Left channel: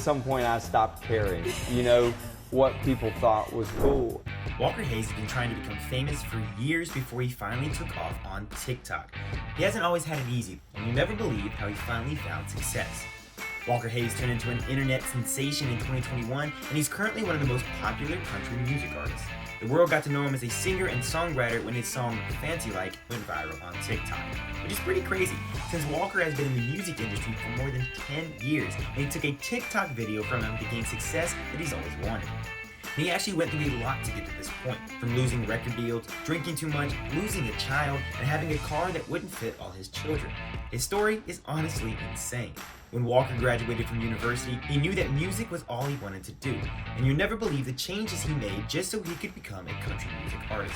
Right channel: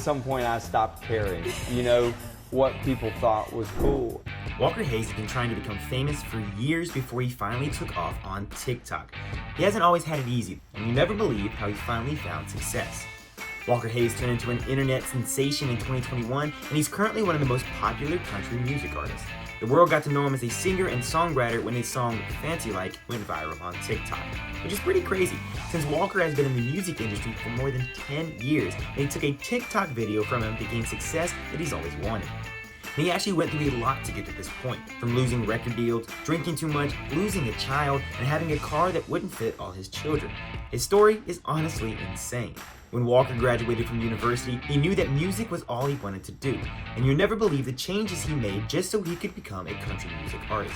some point I stopped caring, what people thought was cool. Walker Hayes has been trying to become famous for years before he finally took off on TikTok. He hasn't always had it easy, and you'll never believe how he finally found success. Walker Hayes turned into an internet sensation in 2021, and he's currently one of the most popular country music artists. The world got to know him as a singer and songwriter when his song Fancy Like went viral on TikTok, which is pretty crazy since Walker has been in the music industry for more than 10 years, and it took a TikTok video from him to gain success that he's always wanted. And he actually went through a lot to get to this point, from losing record deals, drinking too much, losing a child, and having a car that wouldn't fit all his children. His story is honestly insane. When Walker graduated from university, he knew that music was all he wanted to do, and you'll never believe the changes he made just so he could become a country music artist.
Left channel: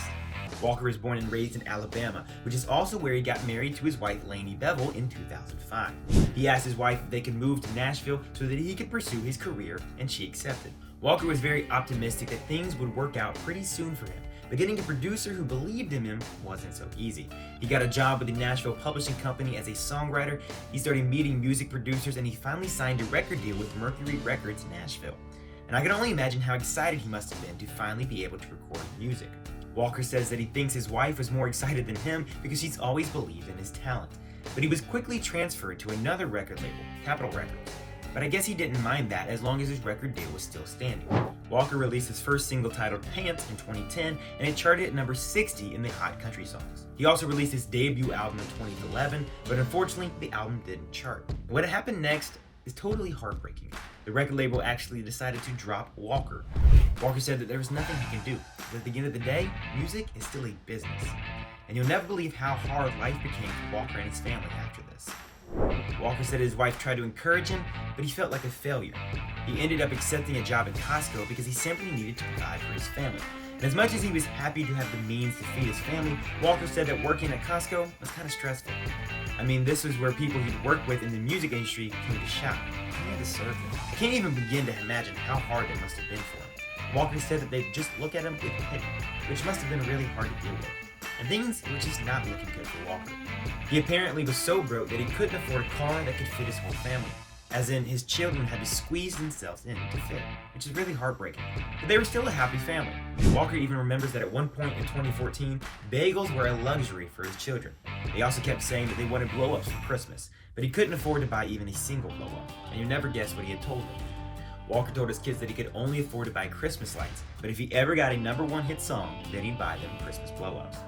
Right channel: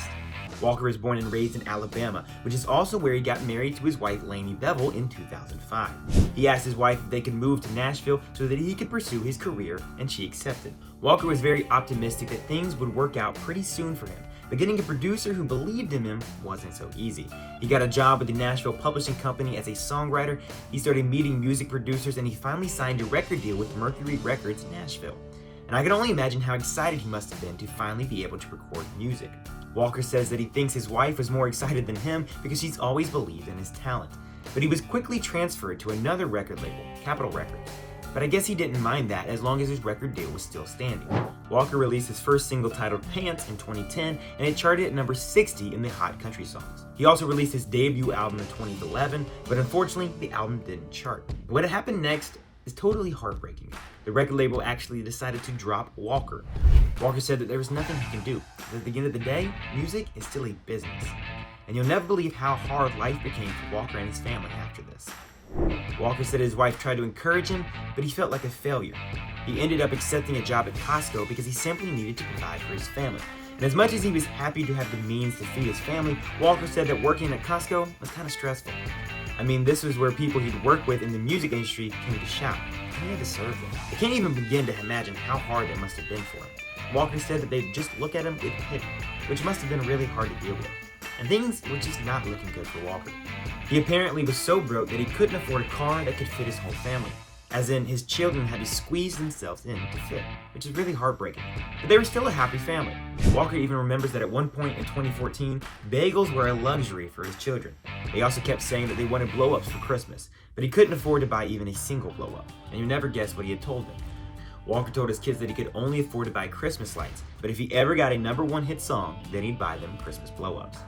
Walker was born and raised in Alabama, which is also where he got married to his wife Lainey Bevel in 2005. He asked his wife if they could move to Nashville so that he could pursue his career, and she accepted. Walker was very optimistic that things would work out pretty soon for him, but getting a producer who believed in him wasn't so easy. He got a job with the Nashville Publishing Company as a songwriter, he started meeting music producers, and he finally signed a record deal with Mercury Records Nashville. And I can only imagine how excited he must have been to finally be able to record music. Walker says that he thinks his wife was more excited than him because she's always believed in his talent. But he was quickly transferred to another record label, Capitol Records. But I guess he didn't mind that as long as his record deal was still standing. Walker released his first single titled Pants in 2010, and it charted at number 60 in the Hot Country Songs. He also released his debut album in 2011, but unfortunately the album didn't chart. What happened next is totally heartbreaking. The record label actually decided to drop Walker. Walker said that there was nothing he can do. But at the end of the day, music is still a business. And you'll never believe how hard life became for Walker and his family after this. Walker said his wife tried to encourage him, but he felt like a failure. He ended up accepting a job at Costco because he simply needed to provide for his family. And as much as he was happy to have the means to feed his family, Walker said that working at Costco was kind of stressful. I mean, this was where people he'd worked with in the music industry came to shout, "You deserve it." I can't even begin to imagine how hard it must have been for him. Walker said that they'd just look at him with pity, which must have been really hard to deal with. And things were just not looking good for Walker. He apparently was so broke that he couldn't afford a car that could fit his whole family. As in, his children had to squeeze themselves in to fit, which is really heartbreaking. But they were still a happy family. Walker even remembers that at one point in 2014, bagels were a luxury for his children. They also kept saying that they wanted blow-ups for Christmas, but he couldn't afford to buy even a single blow-up. And you never guess what he had told me. Walker told his kids that he could only afford to buy Christmas lights, but if he ever got a #1 hit song, then he'd buy them Christmas blow-ups.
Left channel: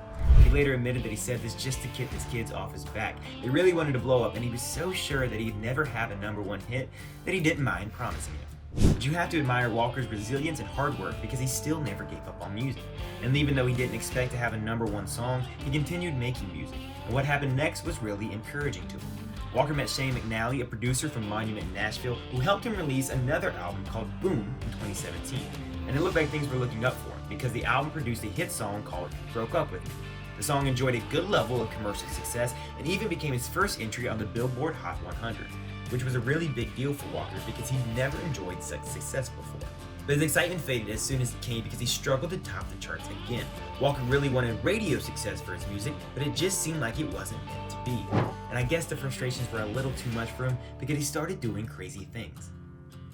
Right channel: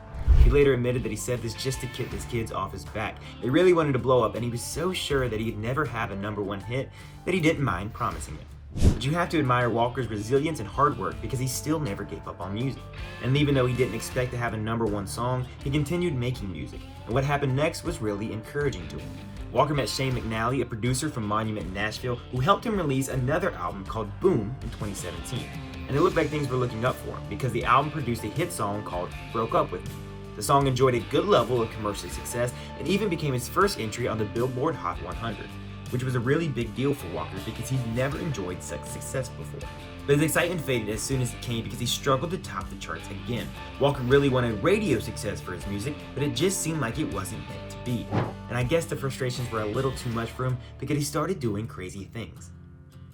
He later admitted that he said this just to get his kids off his back. They really wanted to blow up, and he was so sure that he'd never have a #1 hit that he didn't mind promising it. But you have to admire Walker's resilience and hard work because he still never gave up on music. And even though he didn't expect to have a #1 song, he continued making music. And what happened next was really encouraging to him. Walker met Shane McNally, a producer from Monument in Nashville, who helped him release another album called Boom in 2017. And it looked like things were looking up for him because the album produced a hit song called Broke Up With Me. The song enjoyed a good level of commercial success and even became his first entry on the Billboard Hot 100, which was a really big deal for Walker because he'd never enjoyed such success before. But his excitement faded as soon as it came because he struggled to top the charts again. Walker really wanted radio success for his music, but it just seemed like it wasn't meant to be. And I guess the frustrations were a little too much for him because he started doing crazy things.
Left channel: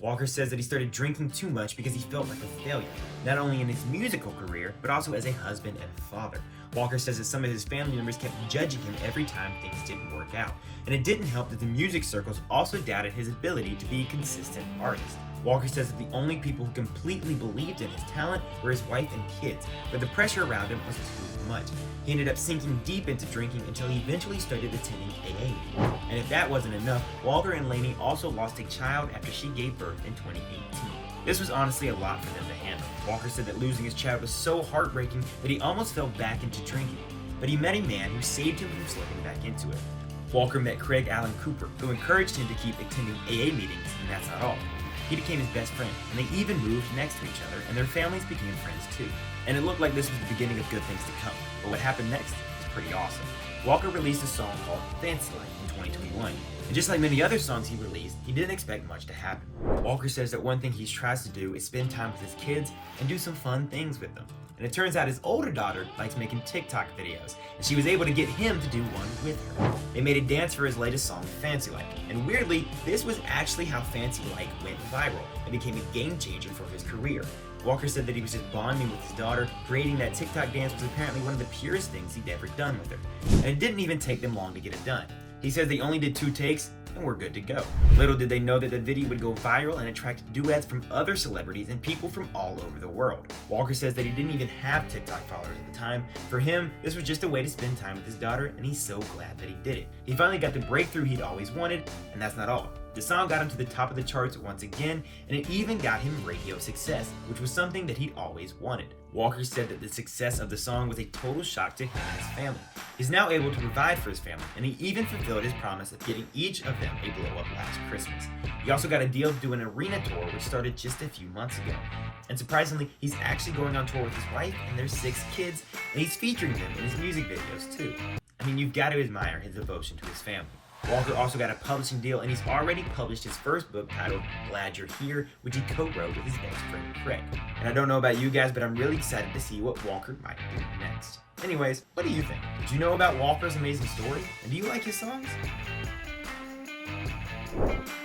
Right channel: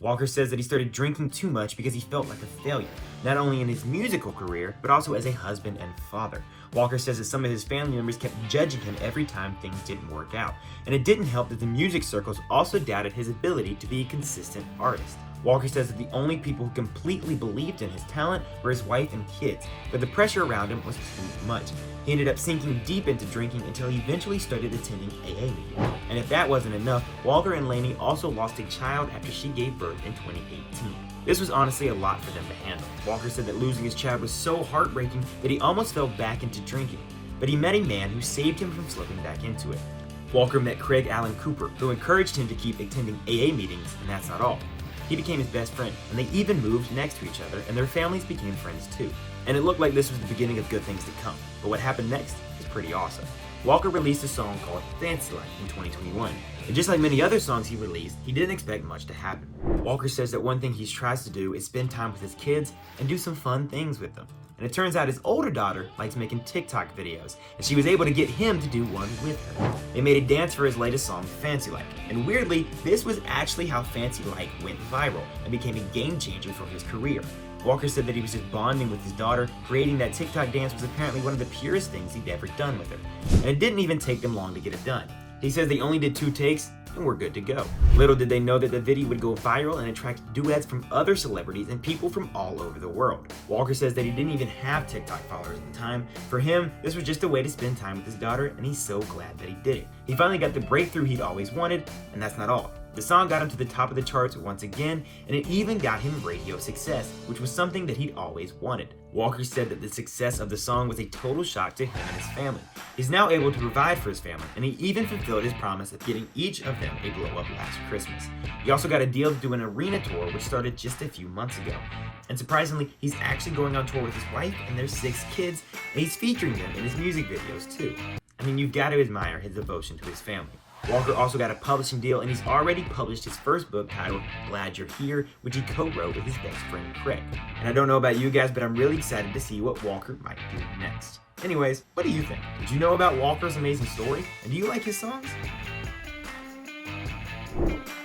Walker says that he started drinking too much because he felt like a failure, not only in his musical career, but also as a husband and father. Walker says that some of his family members kept judging him every time things didn't work out, and it didn't help that the music circles also doubted his ability to be a consistent artist. Walker says that the only people who completely believed in his talent were his wife and kids, but the pressure around him was too much. He ended up sinking deep into drinking until he eventually started attending AA meetings. And if that wasn't enough, Walker and Lainey also lost a child after she gave birth in 2018. This was honestly a lot for them to handle. Walker said that losing his child was so heartbreaking that he almost fell back into drinking, but he met a man who saved him from slipping back into it. Walker met Craig Allen Cooper, who encouraged him to keep attending AA meetings, and that's not all. He became his best friend, and they even moved next to each other, and their families became friends too. And it looked like this was the beginning of good things to come. But what happened next is pretty awesome. Walker released a song called Fancy Like in 2021, and just like many other songs he released, he didn't expect much to happen. Walker says that one thing he tries to do is spend time with his kids and do some fun things with them. And it turns out his older daughter likes making TikTok videos, and she was able to get him to do one with her. They made a dance for his latest song, Fancy Like. And weirdly, this was actually how Fancy Like went viral and became a game changer for his career. Walker said that he was just bonding with his daughter. Creating that TikTok dance was apparently one of the purest things he'd ever done with her. And it didn't even take them long to get it done. He says they only did 2 takes, and we're good to go. Little did they know that the video would go viral and attract duets from other celebrities and people from all over the world. Walker says that he didn't even have TikTok followers at the time. For him, this was just a way to spend time with his daughter, and he's so glad that he did it. He finally got the breakthrough he'd always wanted, and that's not all. The song got him to the top of the charts once again, and it even got him radio success, which was something that he'd always wanted. Walker said that the success of the song was a total shock to him and his family. He's now able to provide for his family, and he even fulfilled his promise of getting each of them a blow-up last Christmas. He also got a deal to do an arena tour, which started just a few months ago. And surprisingly, he's actually going on tour with his wife and their 6 kids, and he's featuring them in his music videos too. I mean, you've got to admire his devotion to his family. Walker also got a publishing deal, and he's already published his first book titled Glad You're Here, which he co-wrote with his best friend Craig. And I don't know about you guys, but I'm really excited to see what Walker might do next. Anyways, what do you think? Did you know about Walker's amazing story? And do you like his songs?